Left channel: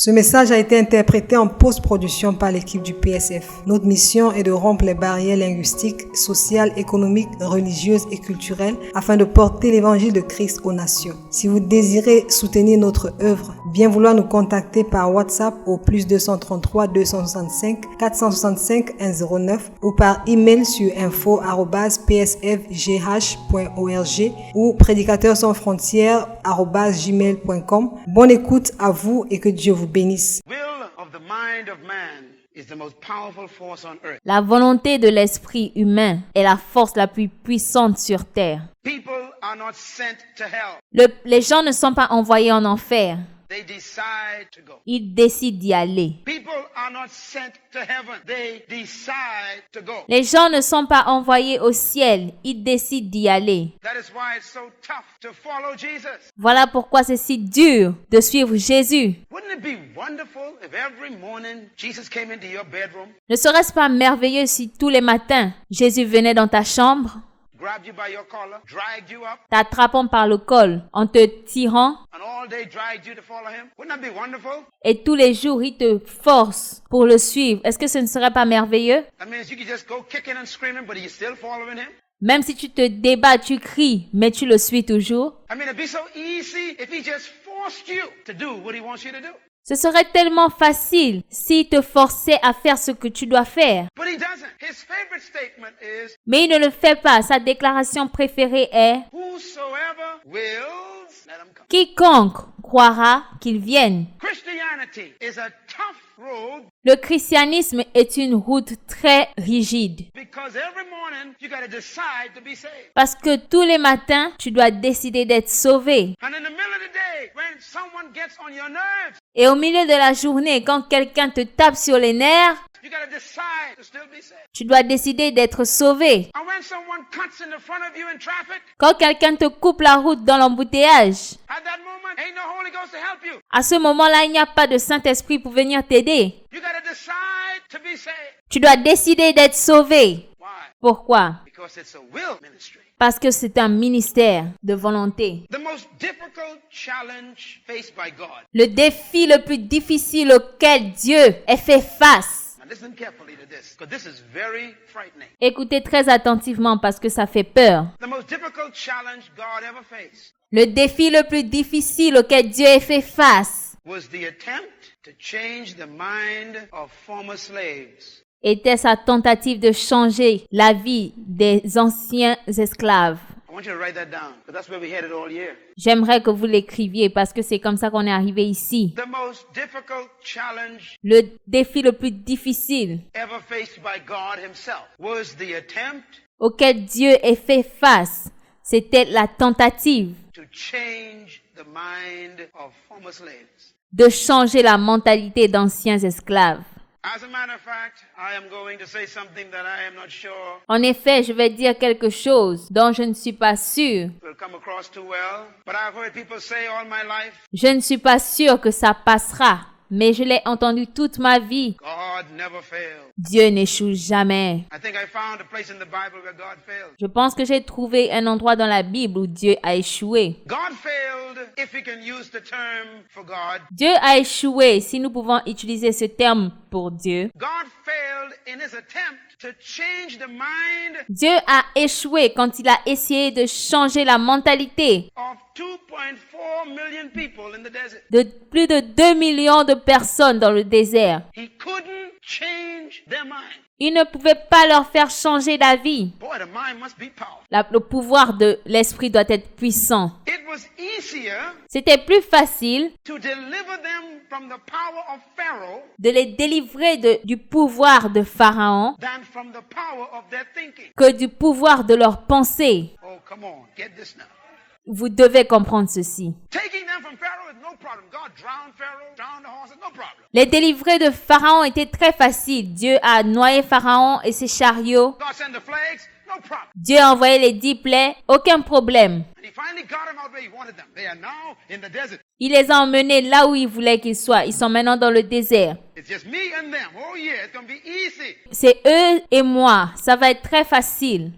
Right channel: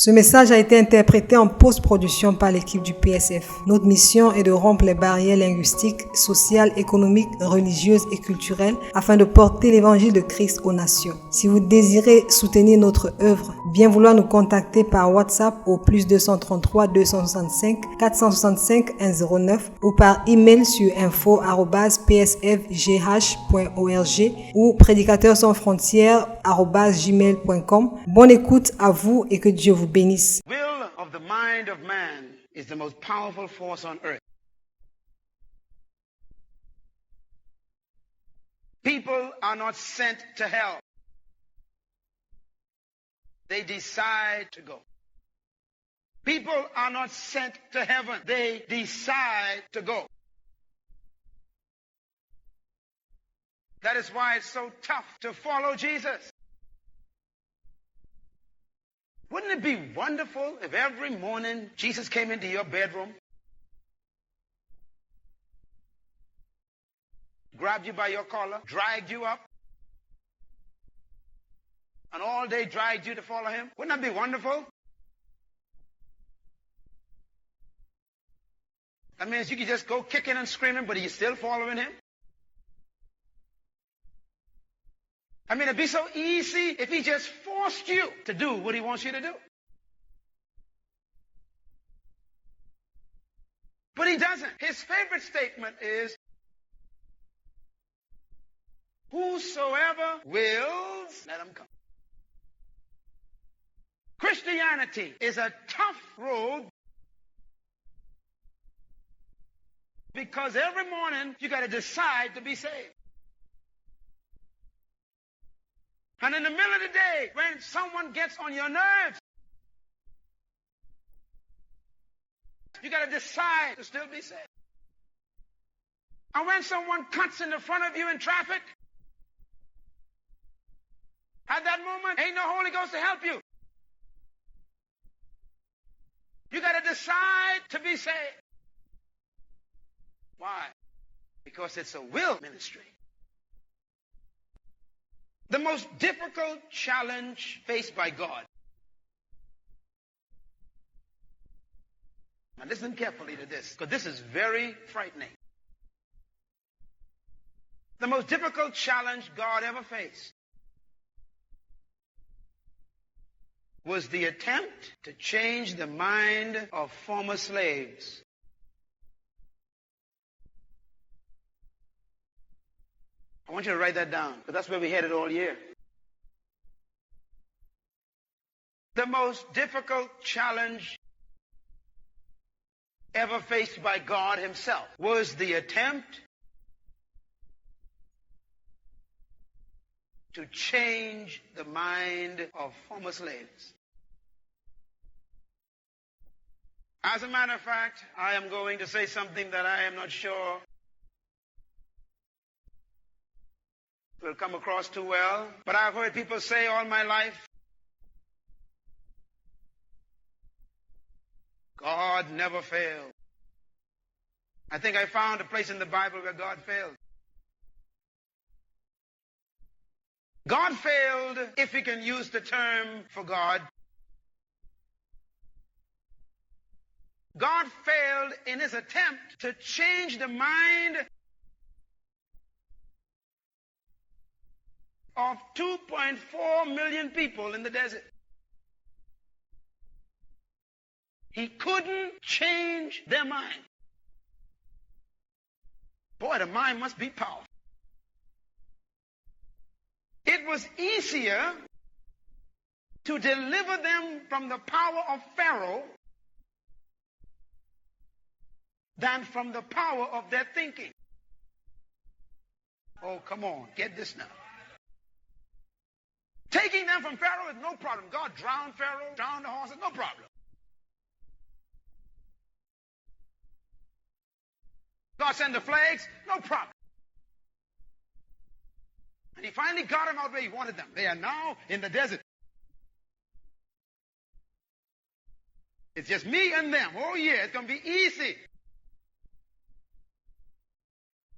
Ce message a été interprété en post-production par l'équipe du PSF. Notre mission est de rompre les barrières linguistiques, sociales, économiques, religieuses et culturelles afin de porter l'évangile de Christ aux nations. Si vous désirez soutenir notre œuvre, bien vouloir nous contacter par WhatsApp au +233 265 465 109 ou par email sur info@psfgh.org ou prédicateurs-sans-frontières@gmail.com. Bonne écoute à vous et que Dieu vous bénisse. La volonté de l'esprit humain est la force la plus puissante sur terre. Les gens ne sont pas envoyés en enfer. Ils décident d'y aller. Les gens ne sont pas envoyés au ciel. Ils décident d'y aller. Voilà pourquoi c'est si dur de suivre Jésus. Ne serait-ce pas merveilleux si tous les matins, Jésus venait dans ta chambre, t'attrapant par le col, en te tirant, et tous les jours il te force pour le suivre. Est-ce que ce ne serait pas merveilleux? Même si tu te débats, tu cries, mais tu le suis toujours. Ce serait tellement facile s'il te forçait à faire ce que tu dois faire. Mais il ne le fait pas. Sa déclaration préférée est « Quiconque croira qu'il vienne ». Le christianisme est une route très rigide. Parce que tous les matins, tu dois décider d'être sauvé. Et au milieu de la journée, quand quelqu'un te tape sur les nerfs, tu dois décider d'être sauvé. Quand quelqu'un te coupe la route dans l'embouteillage, à ce moment-là, il n'y a pas de Saint-Esprit pour venir t'aider. Tu dois décider d'être sauvé. Pourquoi? Parce que c'est un ministère de volonté. Le défi le plus difficile auquel Dieu ait fait face. Écoutez très attentivement parce que ça fait peur. Le défi le plus difficile auquel Dieu ait fait face était sa tentative de changer la vie des anciens esclaves. J'aimerais que vous l'écriviez parce que c'est comme ça qu'on est arrivé ici. Le défi le plus difficile auquel Dieu ait fait face, c'était la tentative de changer la mentalité d'anciens esclaves. En effet, je vais dire quelque chose dont je ne suis pas sûr. Je ne suis pas sûr que ça passera, mais je l'ai entendu toute ma vie. Dieu n'échoue jamais. Je pense que j'ai trouvé un endroit dans la Bible où Dieu a échoué. Dieu a échoué, si nous pouvons utiliser ce terme pour Dieu. Dieu a échoué quand il a essayé de changer la mentalité de plus de 2 millions de personnes dans le désert. Il ne pouvait pas leur faire changer d'avis. Le pouvoir de l'esprit doit être puissant. C'était plus facile de les délivrer du pouvoir de Pharaon que du pouvoir de leur pensée. Vous devez comprendre ceci. Les délivrer de Pharaon était très facile. Dieu a noyé Pharaon et ses chariots. Dieu a envoyé les 10 plaies, aucun problème. Il les a emmenés là où il voulait qu'ils soient. Ils sont maintenant dans le désert. C'est eux et moi. Ça va être très facile.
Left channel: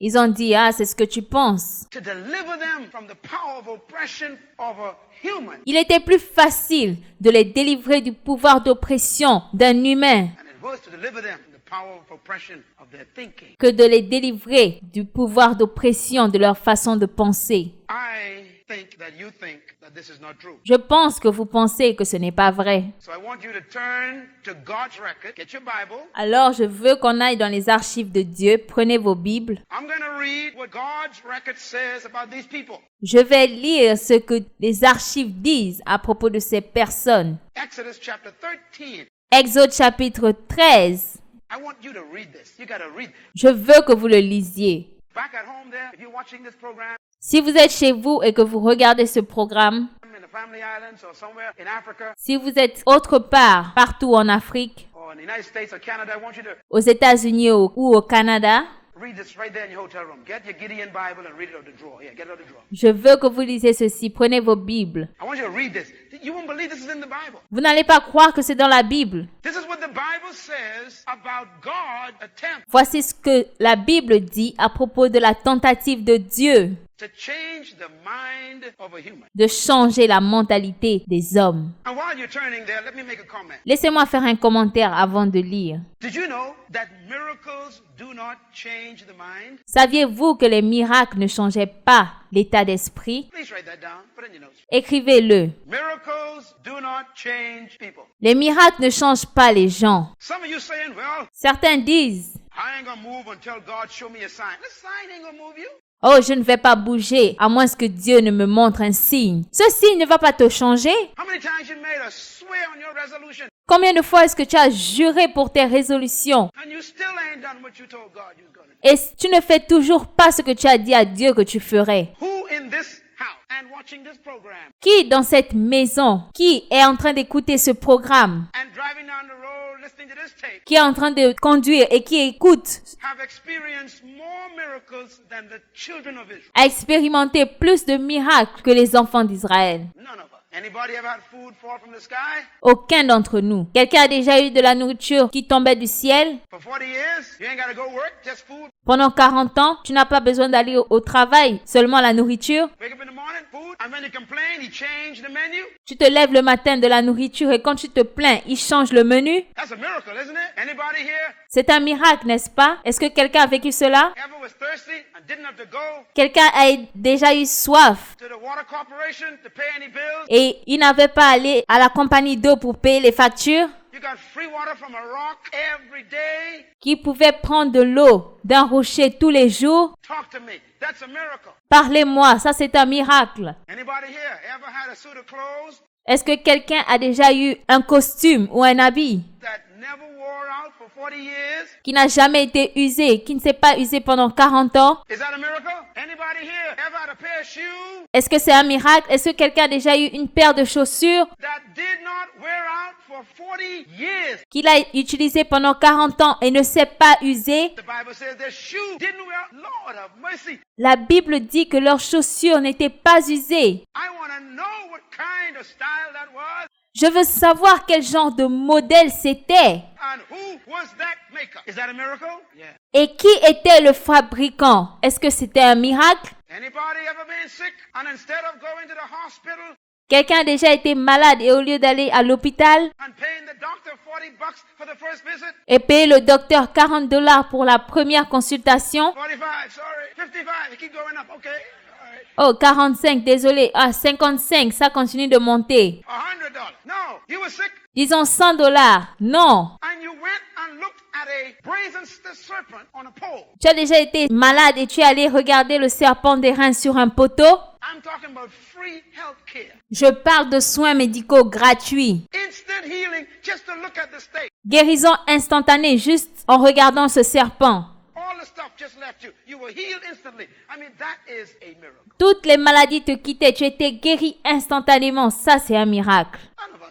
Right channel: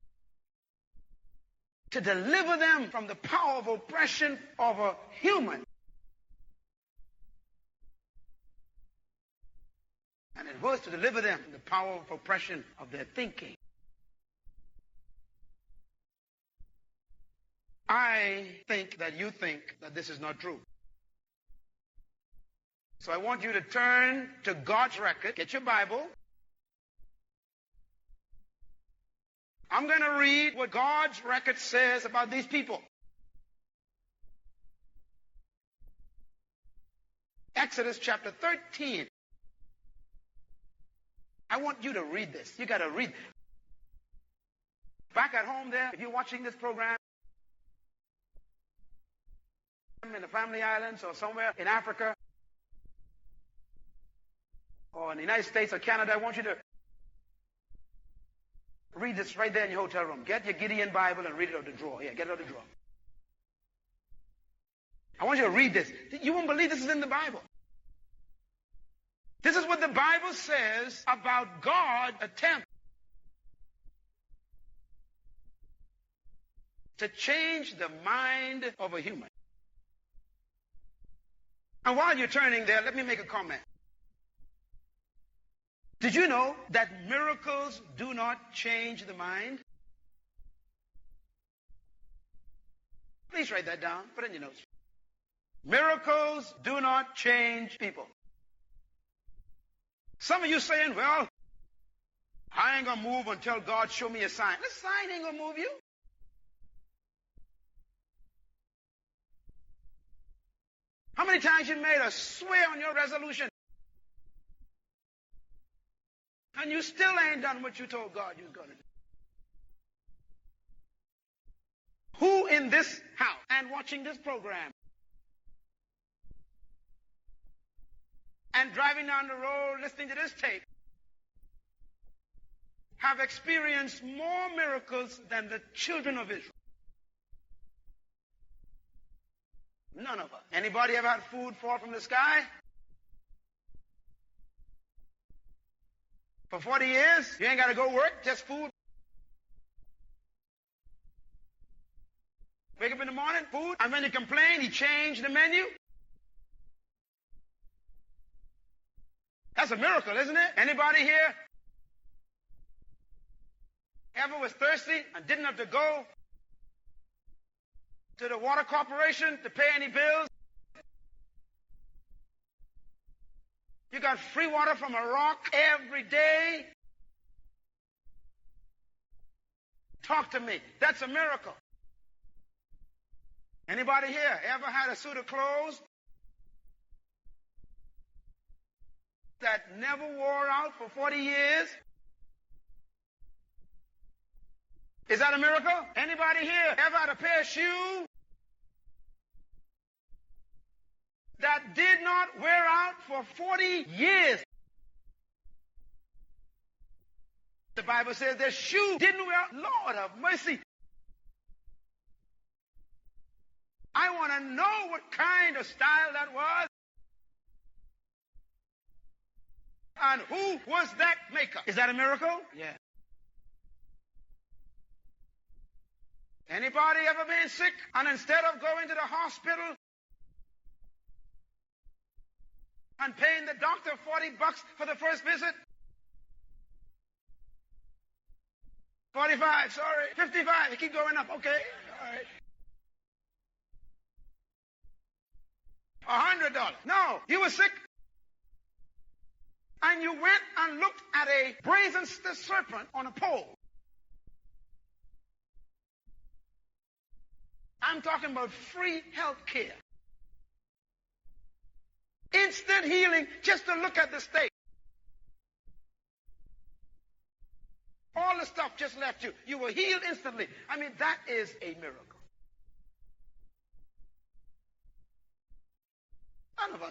Ils ont dit, c'est ce que tu penses. To deliver them from the power of oppression of a human. Il était plus facile de les délivrer du pouvoir d'oppression d'un humain And it was to deliver them from the power of oppression of their thinking. que de les délivrer du pouvoir d'oppression de leur façon de penser. I think that you think that this is not true. Je pense que vous pensez que ce n'est pas vrai. So I want you to turn to God's record. Get your Bible. Alors, je veux qu'on aille dans les archives de Dieu. Prenez vos Bibles. I'm going to read what God's record says about these people. Je vais lire ce que les archives disent à propos de ces personnes. Exodus chapter 13. Exode chapitre 13. I want you to read this. You got to read. Je veux que vous le lisiez. Back at home there, if you're watching this program, Si vous êtes chez vous et que vous regardez ce programme, in the Family Islands or somewhere in Africa si vous êtes autre part, partout en Afrique, or in the United States or Canada, I want you to aux États-Unis ou au Canada, read this right there in your hotel room. Get your Gideon Bible and read it out the drawer. Yeah, get it out the drawer. je veux que vous lisiez ceci. Prenez vos Bibles. I want you to read this. You won't believe this is in the Bible. Vous n'allez pas croire que c'est dans la Bible. This is what the Bible says about God's attempt Voici ce que la Bible dit à propos de la tentative de Dieu to change the mind of a human. de changer la mentalité des hommes. And while you're turning there, let me make a comment. Laissez-moi faire un commentaire avant de lire. Did you know that miracles do not change the mind? Saviez-vous que les miracles ne changeaient pas l'état d'esprit? Please write that down. Put it in your notes. Écrivez-le. Miracles do not change people. Les miracles ne changent pas les gens. Some of you saying, well, Certains disent, I ain't gonna move until God show me a sign. The sign ain't gonna move you. oh, je ne vais pas bouger à moins que Dieu ne me montre un signe. Ce signe ne va pas te changer. How many times you made a swear on your resolution Combien de fois est-ce que tu as juré pour tes résolutions and you still ain't done what you told God you was gonna do? et tu ne fais toujours pas ce que tu as dit à Dieu que tu ferais? Who in this house and watching this program Qui dans cette maison, qui est en train d'écouter ce programme, and driving down the road listening to this tape qui est en train de conduire et qui écoute, have experienced more miracles than the children of Israel? a expérimenté plus de miracles que les enfants d'Israël? None of us. Anybody ever had food fall from the sky? Aucun d'entre nous. Quelqu'un a déjà eu de la nourriture qui tombait du ciel? For 40 years, you ain't gotta go work, just food. Pendant 40 ans, tu n'as pas besoin d'aller au travail, seulement la nourriture. Wake up in the morning, food, and when you complain, he changed the menu. Tu te lèves le matin de la nourriture et quand tu te plains, il change le menu. That's a miracle, isn't it? Anybody here C'est un miracle, n'est-ce pas? Est-ce que quelqu'un a vécu cela? ever was thirsty and didn't have to go Quelqu'un a déjà eu soif to the water corporation to pay any bills? et il n'avait pas allé à la compagnie d'eau pour payer les factures? You got free water from a rock every day? Qui pouvait prendre de l'eau d'un rocher tous les jours? Talk to me. That's a miracle. Parlez-moi, ça c'est un miracle. Anybody here ever had a suit of clothes Est-ce que quelqu'un a déjà eu un costume ou un habit that never wore out for 40 years? qui n'a jamais été usé, qui ne s'est pas usé pendant 40 ans? Is that a miracle? Anybody here ever had a pair of shoes Est-ce que c'est un miracle? Est-ce que quelqu'un a déjà eu une paire de chaussures that did not wear out for 40 years? qu'il a utilisé pendant 40 ans et ne s'est pas usé? The Bible says their shoes didn't wear out. Lord have mercy. La Bible dit que leurs chaussures n'étaient pas usées. I want to know what kind of style that was Je veux savoir quel genre de modèle c'était. and who was that maker. Is that a miracle? Yeah. Et qui était le fabricant? Est-ce que c'était un miracle? Anybody ever been sick and instead of going to the hospital Quelqu'un a déjà été malade et au lieu d'aller à l'hôpital and paying the doctor $40 for the first visit? et payer le docteur $40 pour la première consultation? 45, sorry. 55, it keep going up. Okay. All right. Oh, 45, désolé. Ah, 55, ça continue de monter. $100. No, you were sick Disons $100. Non. and you went and looked at a brazen serpent on a pole. Tu as déjà été malade et tu es allé regarder le serpent des reins sur un poteau? I'm talking about free health care. Je parle de soins médicaux gratuits. Instant healing just to look at the state. Guérison instantanée juste en regardant ce serpent. All the stuff just left you. You were healed instantly. I mean, that is a miracle. Toutes les maladies te quittaient. Tu étais guéri instantanément. Ça, c'est un miracle. None of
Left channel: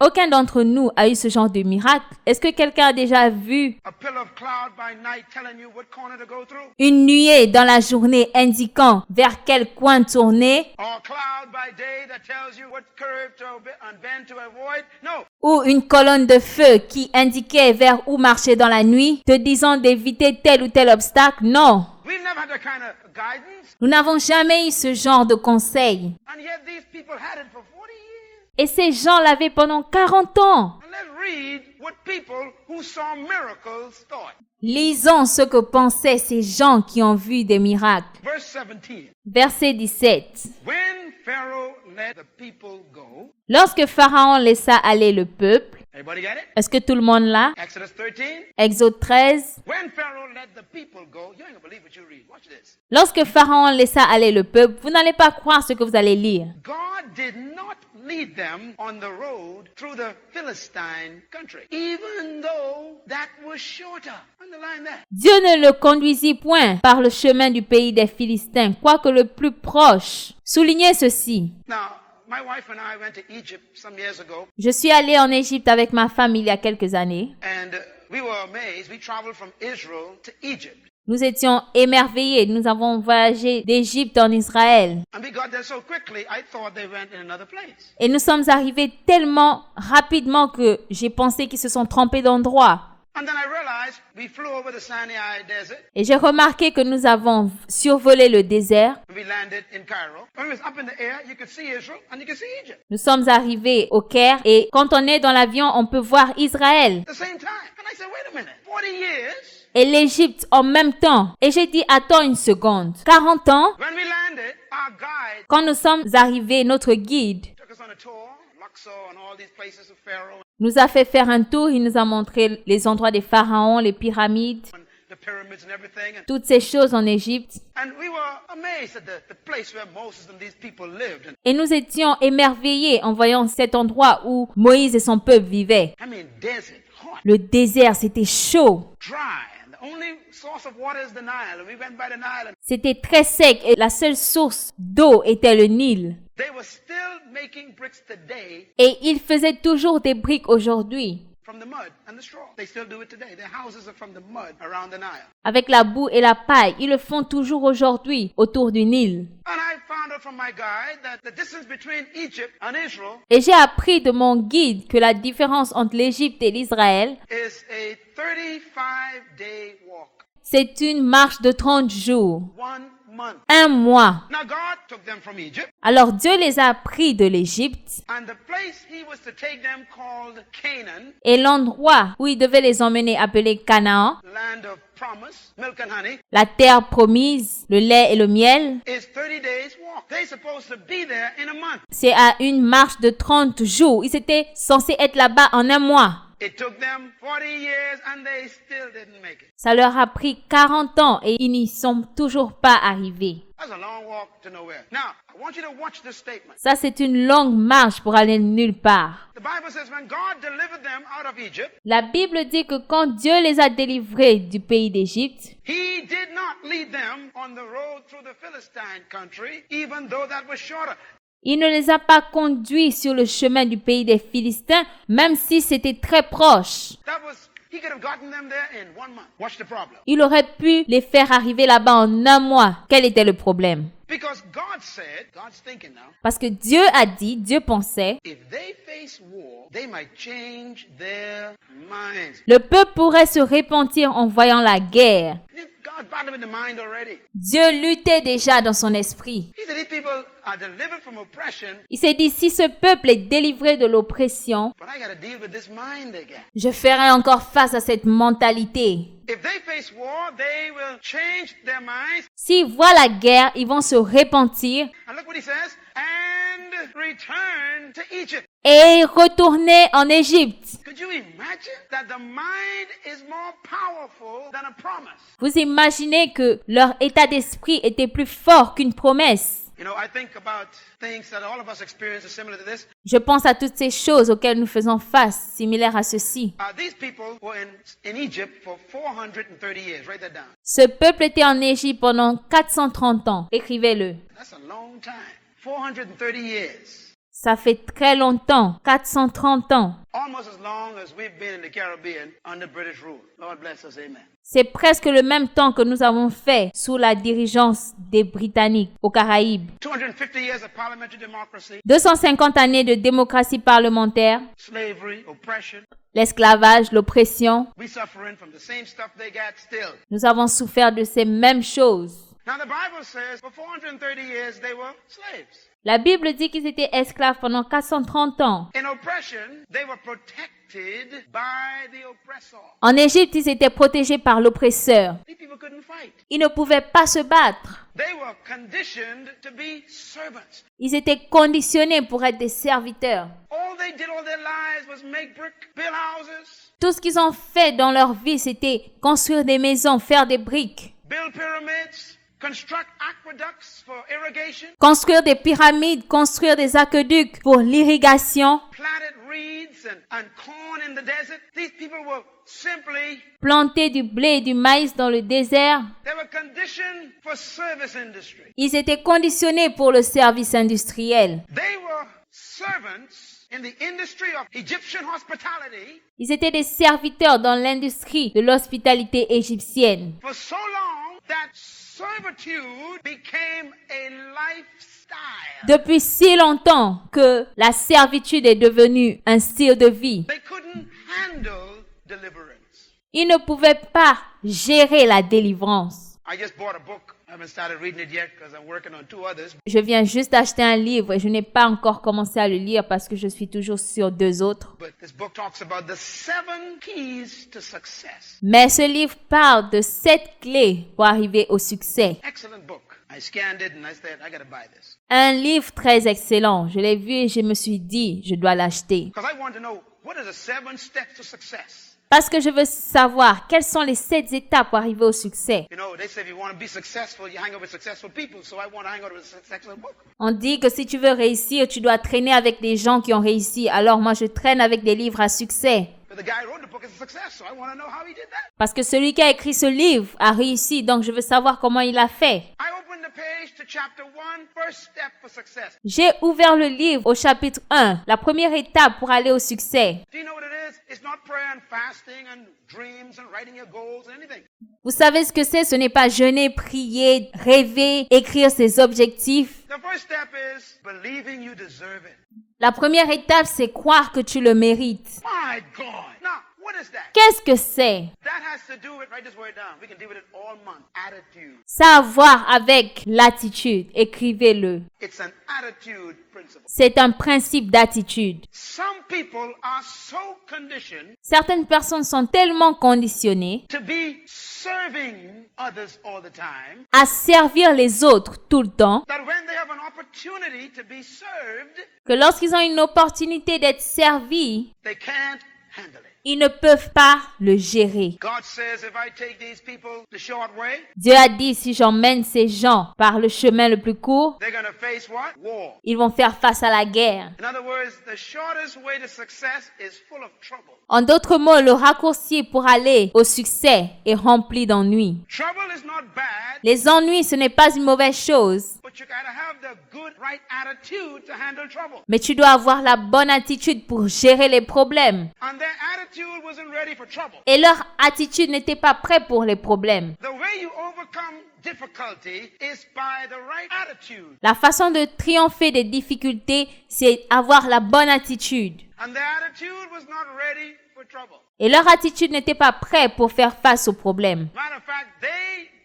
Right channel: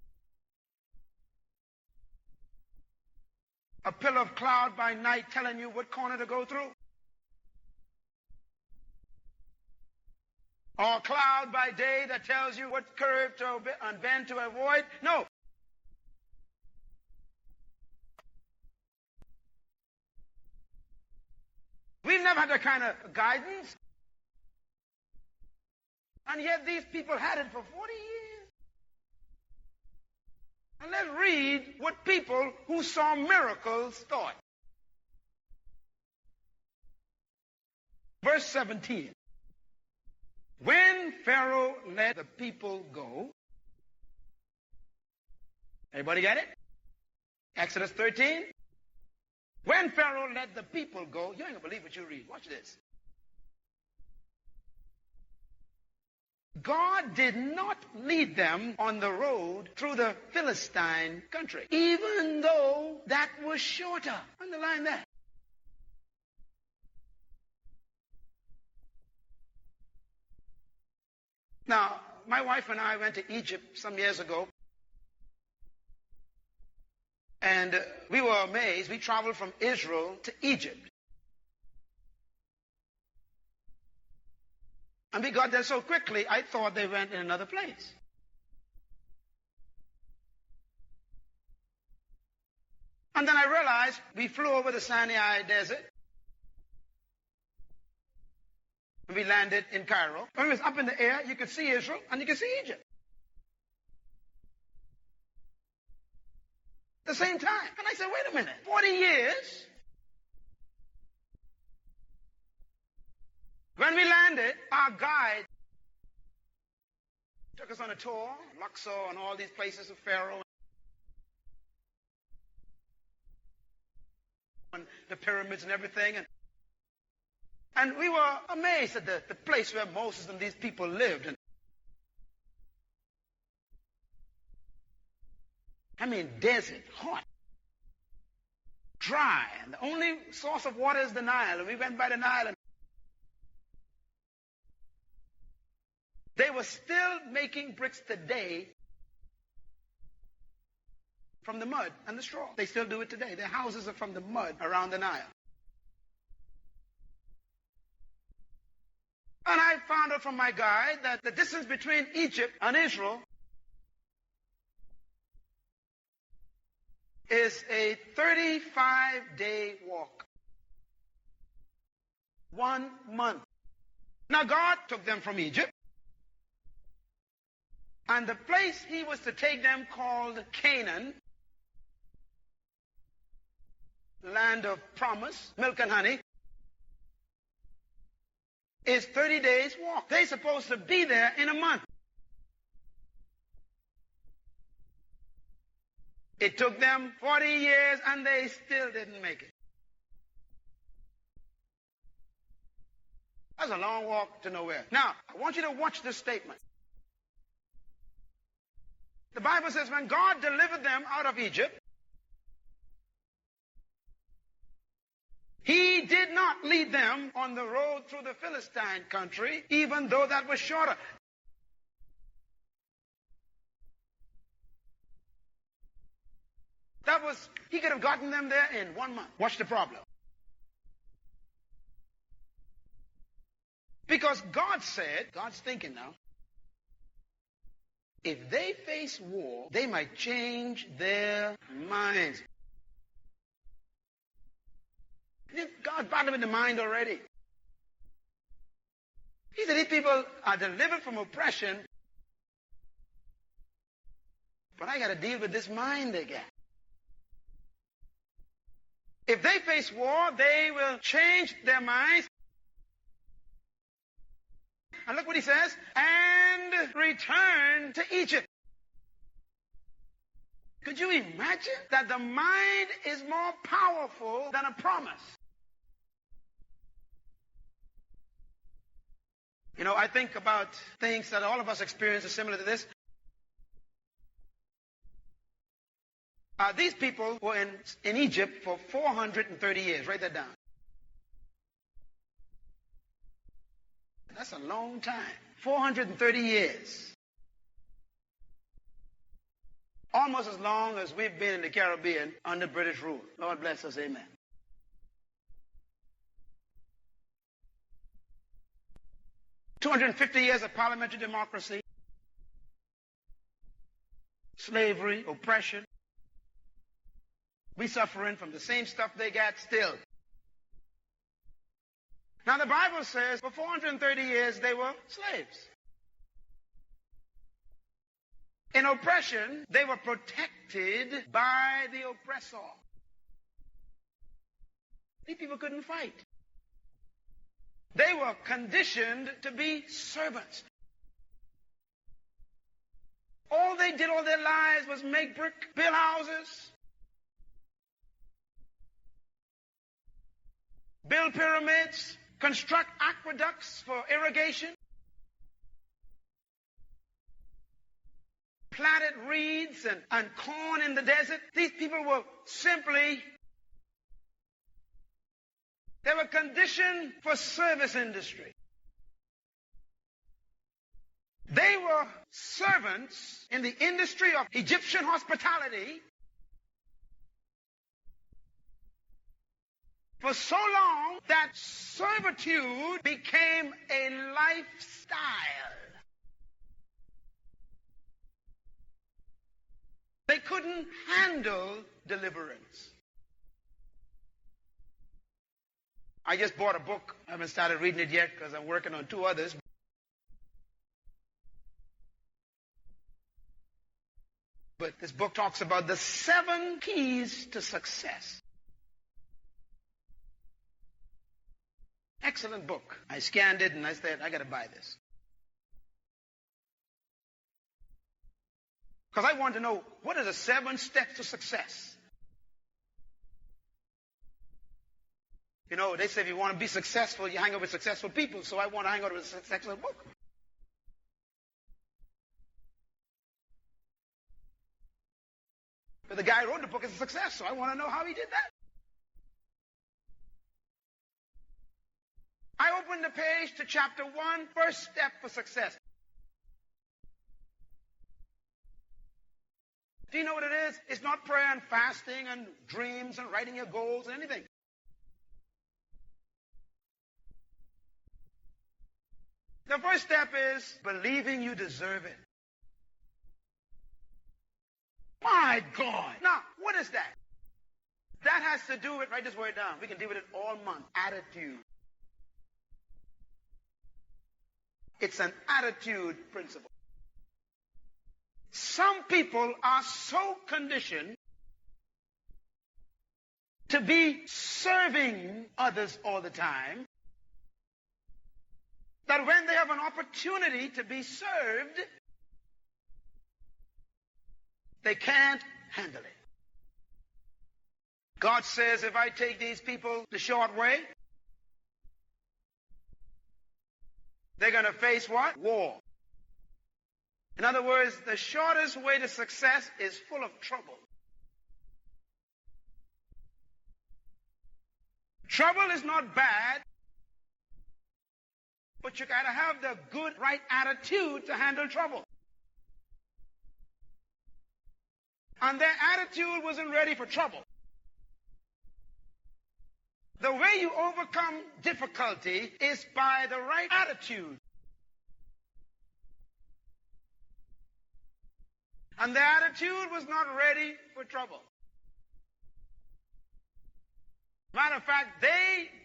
Aucun d'entre nous a eu ce genre de miracle. Est-ce que quelqu'un a déjà vu une nuée dans la journée indiquant vers quel coin tourner? Ou une colonne de feu qui indiquait vers où marcher dans la nuit, te disant d'éviter tel ou tel obstacle? Non. Nous n'avons jamais eu ce genre de conseil. Et ces gens l'avaient pendant 40 ans. Lisons ce que pensaient ces gens qui ont vu des miracles. Verset 17. Lorsque Pharaon laissa aller le peuple, est-ce que tout le monde l'a? Exode 13. Lorsque Pharaon laissa aller le peuple, vous n'allez pas croire ce que vous allez lire. God did not lead them on the road through the Philistine country, even though that was shorter. Underline that. Dieu ne le conduisit point par le chemin du pays des Philistins, quoique le plus proche. Soulignez ceci. Now, my wife and I went to Egypt some years ago. Je suis allée en Égypte avec ma famille il y a quelques années. And we were amazed. We traveled from Israel to Egypt. Nous étions émerveillés. Nous avons voyagé d'Égypte en Israël. And we got there so quickly, I thought they went in another place. Et nous sommes arrivés tellement rapidement que j'ai pensé qu'ils se sont trompés d'endroit. And then I realized we flew over the Sinai Desert. Et j'ai remarqué que nous avons survolé le désert. We landed in Cairo. When we was up in the air, you could see Israel and you could see Egypt. Nous sommes arrivés au Caire et quand on est dans l'avion, on peut voir Israël. At the same time. And I said, wait a minute. 40 years. Et l'Égypte en même temps. Et j'ai dit, attends une seconde. 40 ans, When we landed, our guide quand nous sommes arrivés, notre guide took us on a tour, Luxor and all these places of Pharaoh, nous a fait faire un tour. Il nous a montré les endroits des pharaons, les pyramides, and the pyramids and everything. toutes ces choses en Égypte. And we were amazed at the place where Moses and these people lived. And Et nous étions émerveillés en voyant cet endroit où Moïse et son peuple vivaient. I mean, desert, hot, Le désert, c'était chaud. dry. And the only source of water is the Nile. And we went by the Nile. And C'était très sec et la seule source d'eau était le Nil. they were still making bricks today Et ils faisaient toujours des briques aujourd'hui, from the mud and the straw. They still do it today. Their houses are from the mud around the Nile. avec la boue et la paille. Ils le font toujours aujourd'hui autour du Nil. And I found out from my guide that the distance between Egypt and Israel Et j'ai appris de mon guide que la différence entre l'Égypte et l'Israël, is a 35-day walk. c'est une marche de 30 jours, 1 month. un mois. Now God took them from Egypt, Alors Dieu les a pris de l'Égypte and the place he was to take them called Canaan, et l'endroit où il devait les emmener appelé Canaan, land of promise, milk and honey, la terre promise, le lait et le miel, is 30 days walk. They're supposed to be there in a month. c'est à une marche de 30 jours. Ils étaient censés être là-bas en un mois. It took them 40 years and they still didn't make it. Ça leur a pris 40 ans et ils n'y sont toujours pas arrivés. That's a long walk to nowhere. Now, I want you to watch this statement. Ça, c'est une longue marche pour aller nulle part. The Bible says when God delivered them out of Egypt, La Bible dit que quand Dieu les a délivrés du pays d'Égypte, he did not lead them on the road through the Philistine country, even though that was shorter. il ne les a pas conduits sur le chemin du pays des Philistins, même si c'était très proche. He could have gotten them there in 1 month. Watch the problem. Il aurait pu les faire arriver là-bas en un mois. Quel était le problème? Because God said, God's thinking now, Parce que Dieu a dit, Dieu pensait, if they face war, they might change their minds. le peuple pourrait se repentir en voyant la guerre. God brought them in the mind already. Dieu luttait déjà dans son esprit. He said, these people are delivered from oppression, Il s'est dit, si ce peuple est délivré de l'oppression, but I got to deal with this mind again. je ferai encore face à cette mentalité. If they face war, they will change their minds. S'ils voient la guerre, ils vont se repentir And look what he says, and return to Egypt. et retourner en Égypte. Could you imagine that the mind is more powerful than a promise? Vous imaginez que leur état d'esprit était plus fort qu'une promesse. You know, I think about things that all of us experience are similar to this. Je pense à toutes ces choses auxquelles nous faisons face, similaires à ceci. These people were in Egypt for 430 years. Write that down. Ce peuple était en Égypte pendant 430 ans. Écrivez-le. That's a long time. 430 years. Ça fait très longtemps, 430 ans. Almost as long as we've been in the Caribbean under British rule. Lord bless us, amen. C'est presque le même temps que nous avons fait sous la dirigeance des Britanniques aux Caraïbes. 250 years of parliamentary democracy, 250 années de démocratie parlementaire, slavery, oppression. l'esclavage, l'oppression. We suffering from the same stuff they got still. Nous avons souffert de ces mêmes choses. Now the Bible says for 430 years they were slaves. La Bible dit qu'ils étaient esclaves pendant 430 ans. In oppression, they were protected by the oppressor. En Égypte, ils étaient protégés par l'oppresseur. These people couldn't fight. Ils ne pouvaient pas se battre. They were conditioned to be servants. Ils étaient conditionnés pour être des serviteurs. All they did all their lives was make brick, build houses, Tout ce qu'ils ont fait dans leur vie, c'était construire des maisons, faire des briques, build pyramids, construct aqueducts for irrigation, construire des pyramides, construire des aqueducs pour l'irrigation, planted reeds and corn in the desert. These people were simply, planter du blé et du maïs dans le désert. they were conditioned for service industry. Ils étaient conditionnés pour le service industriel. They were servants in the industry of Egyptian hospitality Ils étaient des serviteurs dans l'industrie de l'hospitalité égyptienne. for so long that servitude became a lifestyle. Depuis si longtemps que la servitude est devenue un style de vie. They couldn't handle deliverance. Ils ne pouvaient pas gérer la délivrance. I just bought a book. I haven't started reading it yet because I'm working on 2 others. Je viens juste d'acheter un livre et je n'ai pas encore commencé à le lire parce que je suis toujours sur 2 autres. But this book talks about the 7 keys to success. Mais ce livre parle de 7 clés pour arriver au succès. Excellent book. I scanned it and I said, I got to buy this. Un livre très excellent. Je l'ai vu et je me suis dit, je dois l'acheter. Because I want to know what are the 7 steps to success. Parce que je veux savoir quelles sont les 7 étapes pour arriver au succès. You know, they say if you want to be successful, you hang out with successful people. So I want to hang out with a successful book. On dit que si tu veux réussir, tu dois traîner avec des gens qui ont réussi. Alors moi, je traîne avec des livres à succès. But the guy who wrote the book is a success, so I want to know how he did that. Parce que celui qui a écrit ce livre a réussi, donc je veux savoir comment il a fait. I opened the page to chapter 1, first step for success. J'ai ouvert le livre au chapitre 1, la première étape pour aller au succès. Do you know what it is? It's not prayer and fasting and dreams and writing your goals and anything. Vous savez ce que c'est? Ce n'est pas jeûner, prier, rêver, écrire ses objectifs. The first step is believing you deserve it. La première étape, c'est croire que tu le mérites. My God. Now, what is that? Qu'est-ce que c'est? That has to do with, write this word down. We can deal with it all month. Attitude. Ça a à voir avec l'attitude. Écrivez-le. It's an attitude principle. C'est un principe d'attitude. Some people are so conditioned Certaines personnes sont tellement conditionnées to be serving others all the time à servir les autres tout le temps that when they have an opportunity to be served, que lorsqu'ils ont une opportunité d'être servis, they can't handle it. ils ne peuvent pas le gérer. God says if I take these people the short way, Dieu a dit, si j'emmène ces gens par le chemin le plus court, they're going to face what? War. ils vont faire face à la guerre. In other words, the shortest way to success is full of trouble. En d'autres mots, le raccourci pour aller au succès est rempli d'ennuis. Trouble is not bad, Les ennuis, ce n'est pas une mauvaise chose, but you got to have the good, right attitude to handle trouble. mais tu dois avoir la bonne attitude pour gérer les problèmes. And their attitude wasn't ready for trouble. Et leur attitude n'était pas prête pour les problèmes. The way you overcome difficulty is by the right attitude. La façon de triompher des difficultés, c'est avoir la bonne attitude. And their attitude was not ready for trouble. Et leur attitude n'était pas prête pour faire face aux problèmes. Matter of fact,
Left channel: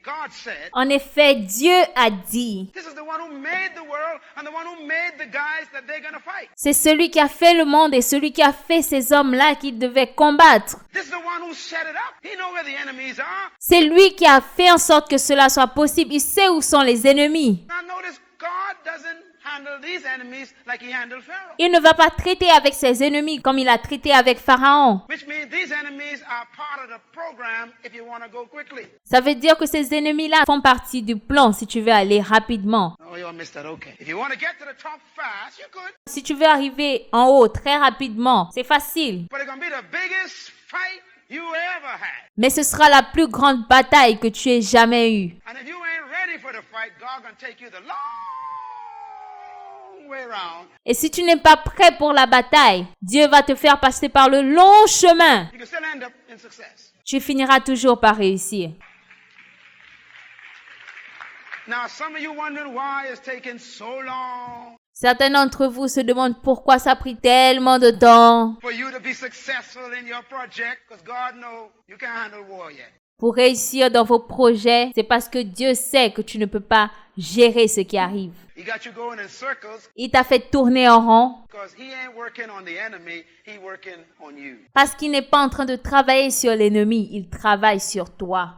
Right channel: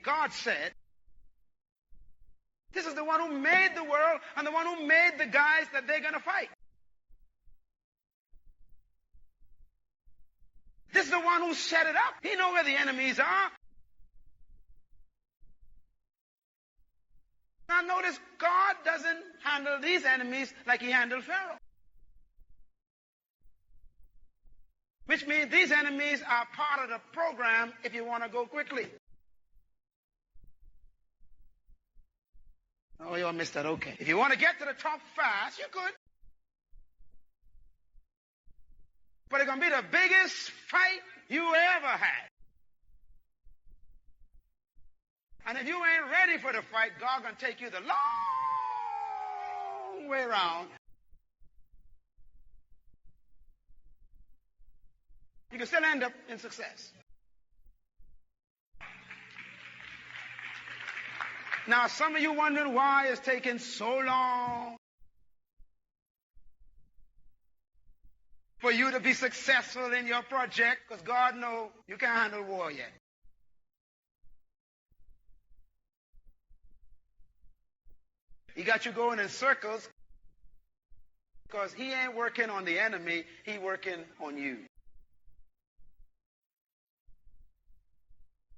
God said, En effet, Dieu a dit, this is the one who made the world and the one who made the guys that they're going to fight. c'est celui qui a fait le monde et celui qui a fait ces hommes-là qui devaient combattre. This is the one who set it up. He knows where the enemies are. C'est lui qui a fait en sorte que cela soit possible. Il sait où sont les ennemis. Now notice, God doesn't handle these enemies like he handled Pharaoh. Il ne va pas traiter avec ses ennemis comme il a traité avec Pharaon. Which means these enemies are part of the program if you want to go quickly. Ça veut dire que ces ennemis-là font partie du plan si tu veux aller rapidement. Oh, you all missed that. Okay. If you want to get to the top fast, you could. Si tu veux arriver en haut très rapidement, c'est facile. But it's going to be the biggest fight you ever had. Mais ce sera la plus grande bataille que tu aies jamais eue. And if you ain't ready for the fight, God going to take you the long way around, Et si tu n'es pas prêt pour la bataille, Dieu va te faire passer par le long chemin. you can still end up in success. Tu finiras toujours par réussir. Now, some of you wondering why it's taking so long Certains d'entre vous se demandent pourquoi ça a pris tellement de temps for you to be successful in your project, because God knows you can't handle war yet. pour réussir dans vos projets. C'est parce que Dieu sait que tu ne peux pas gérer ce qui arrive. He got you going in circles Il t'a fait tourner en rond because he ain't working on the enemy, he working on you. parce qu'il n'est pas en train de travailler sur l'ennemi, il travaille sur toi.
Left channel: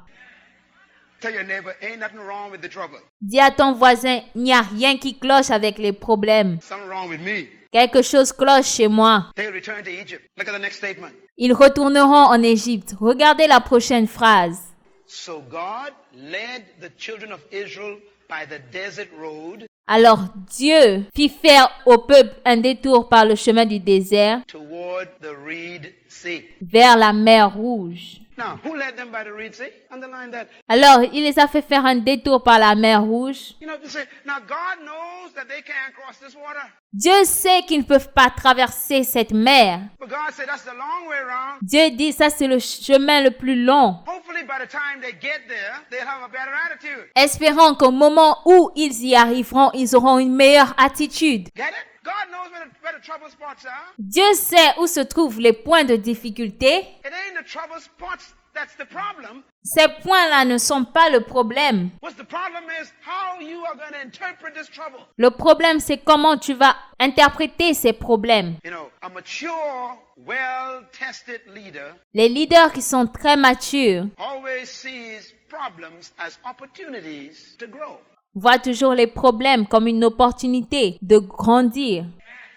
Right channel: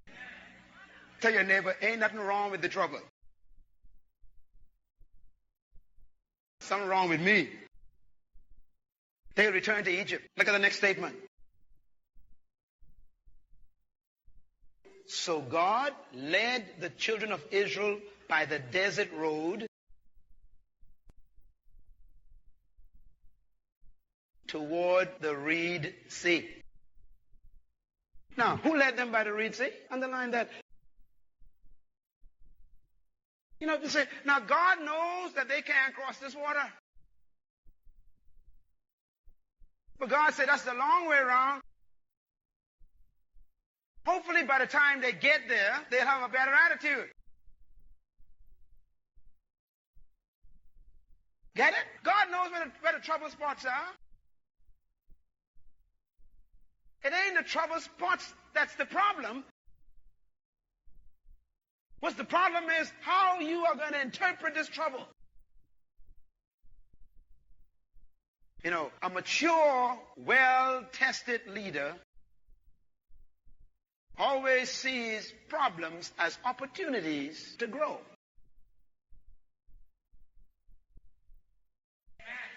Tell your neighbor, ain't nothing wrong with the trouble. Dis à ton voisin, il n'y a rien qui cloche avec les problèmes. Something wrong with me. Quelque chose cloche chez moi. They'll return to Egypt. Look at the next statement. Ils retourneront en Égypte. Regardez la prochaine phrase. So God led the children of Israel by the desert road Alors Dieu fit faire au peuple un détour par le chemin du désert toward the Reed Sea. vers la mer Rouge. Now, who led them by the Reed Sea? Underline that. Alors il les a fait faire un détour par la mer Rouge. You know, you say, now God knows that they can't cross this water. Dieu sait qu'ils ne peuvent pas traverser cette mer. But God said that's the long way around. Dieu dit ça c'est le chemin le plus long. Hopefully by the time they get there, they'll have a better attitude. Espérant qu'au moment où ils y arriveront, ils auront une meilleure attitude. Get it? God knows where the trouble spots are. Dieu sait où se trouvent les points de difficulté. It ain't the trouble spots that's the problem. Ces points-là ne sont pas le problème. What's the problem is how you are going to interpret this trouble. Le problème, c'est comment tu vas interpréter ces problèmes. You know, a mature, well-tested leader Les leaders qui sont très matures always sees problems as opportunities to grow voient toujours les problèmes comme une opportunité de grandir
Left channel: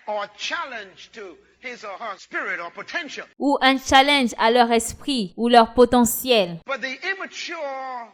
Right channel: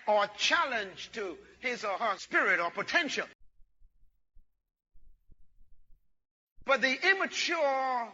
or challenge to his or her spirit or potential. ou un challenge à leur esprit ou leur potentiel. But the immature,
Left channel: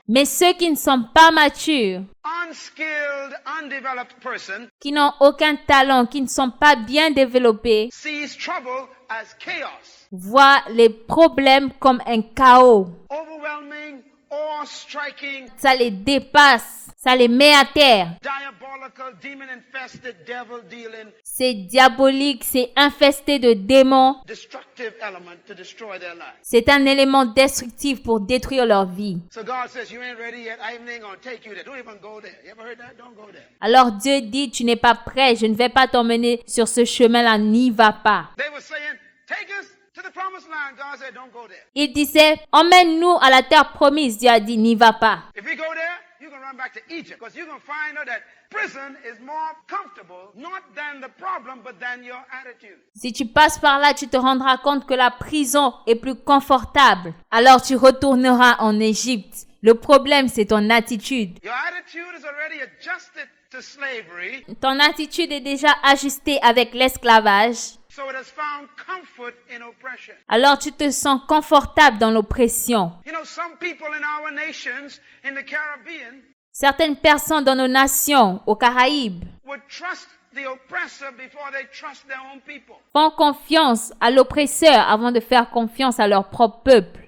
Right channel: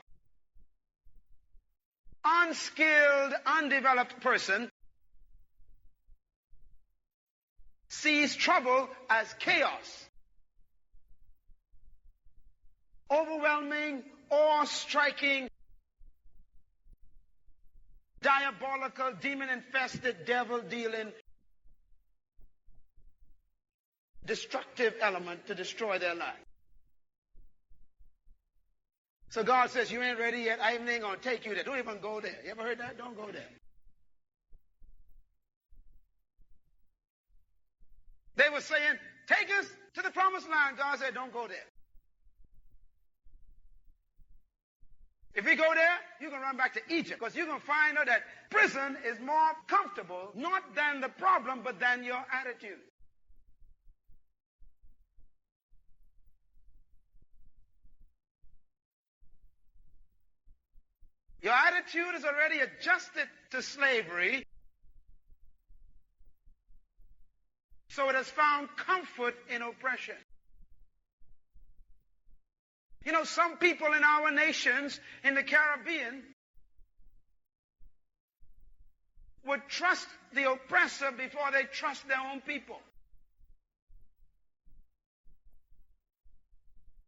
Mais ceux qui ne sont pas matures, unskilled, undeveloped person qui n'ont aucun talent, qui ne sont pas bien développés, sees trouble as chaos, voient les problèmes comme un chaos. overwhelming, awe-striking, Ça les dépasse. Ça les met à terre. diabolical, demon-infested, devil-dealing, C'est diabolique, c'est infesté de démons. destructive element to destroy their lives. C'est un élément destructif pour détruire leur vie. So God says, you ain't ready yet. I ain't going to take you there. Don't even go there. You ever heard that? Don't go there. Alors Dieu dit, tu n'es pas prêt, je ne vais pas t'emmener sur ce chemin-là, n'y va pas. They were saying, take us to the promised land. God said, don't go there. Il disait, emmène-nous à la terre promise. Dieu a dit, n'y va pas. If we go there, you're going to run back to Egypt because you're going to find out that prison is more comfortable, not than the problem, but than your attitude. Si tu passes par là, tu te rendras compte que la prison est plus confortable. Alors tu retourneras en Égypte. Le problème, c'est ton attitude. Your attitude is already adjusted to slavery, Ton attitude est déjà ajustée avec l'esclavage. so it has found comfort in oppression. Alors tu te sens confortable dans l'oppression. You know, some people in our nations, in the Caribbean, Certaines personnes dans nos nations, aux Caraïbes, would trust the oppressor before they trust their own people. font confiance à l'oppresseur avant de faire confiance à leur propre peuple.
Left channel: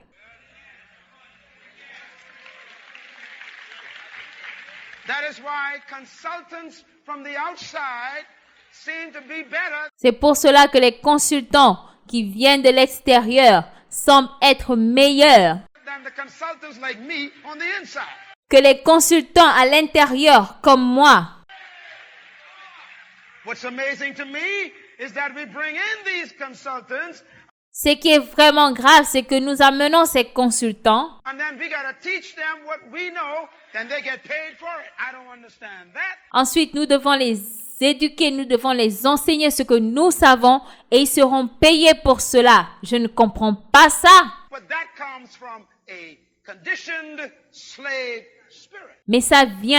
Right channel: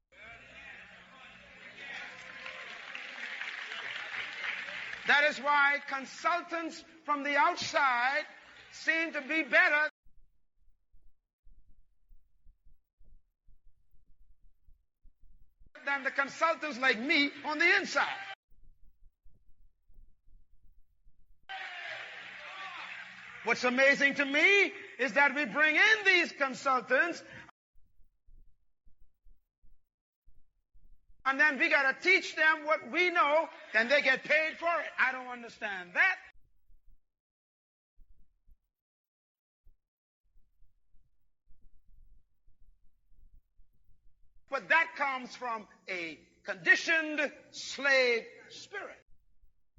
That is why consultants from the outside seem to be better C'est pour cela que les consultants qui viennent de l'extérieur semblent être meilleurs than the consultants like me on the inside. que les consultants à l'intérieur comme moi. What's amazing to me is that we bring in these consultants Ce qui est vraiment grave, c'est que nous amenons ces consultants and then we got to teach them what we know, then they get paid for it. I don't understand that. Ensuite, nous devons les éduquer, nous devons les enseigner ce que nous savons et ils seront payés pour cela. Je ne comprends pas ça. But that comes from a conditioned slave spirit. Mais ça vient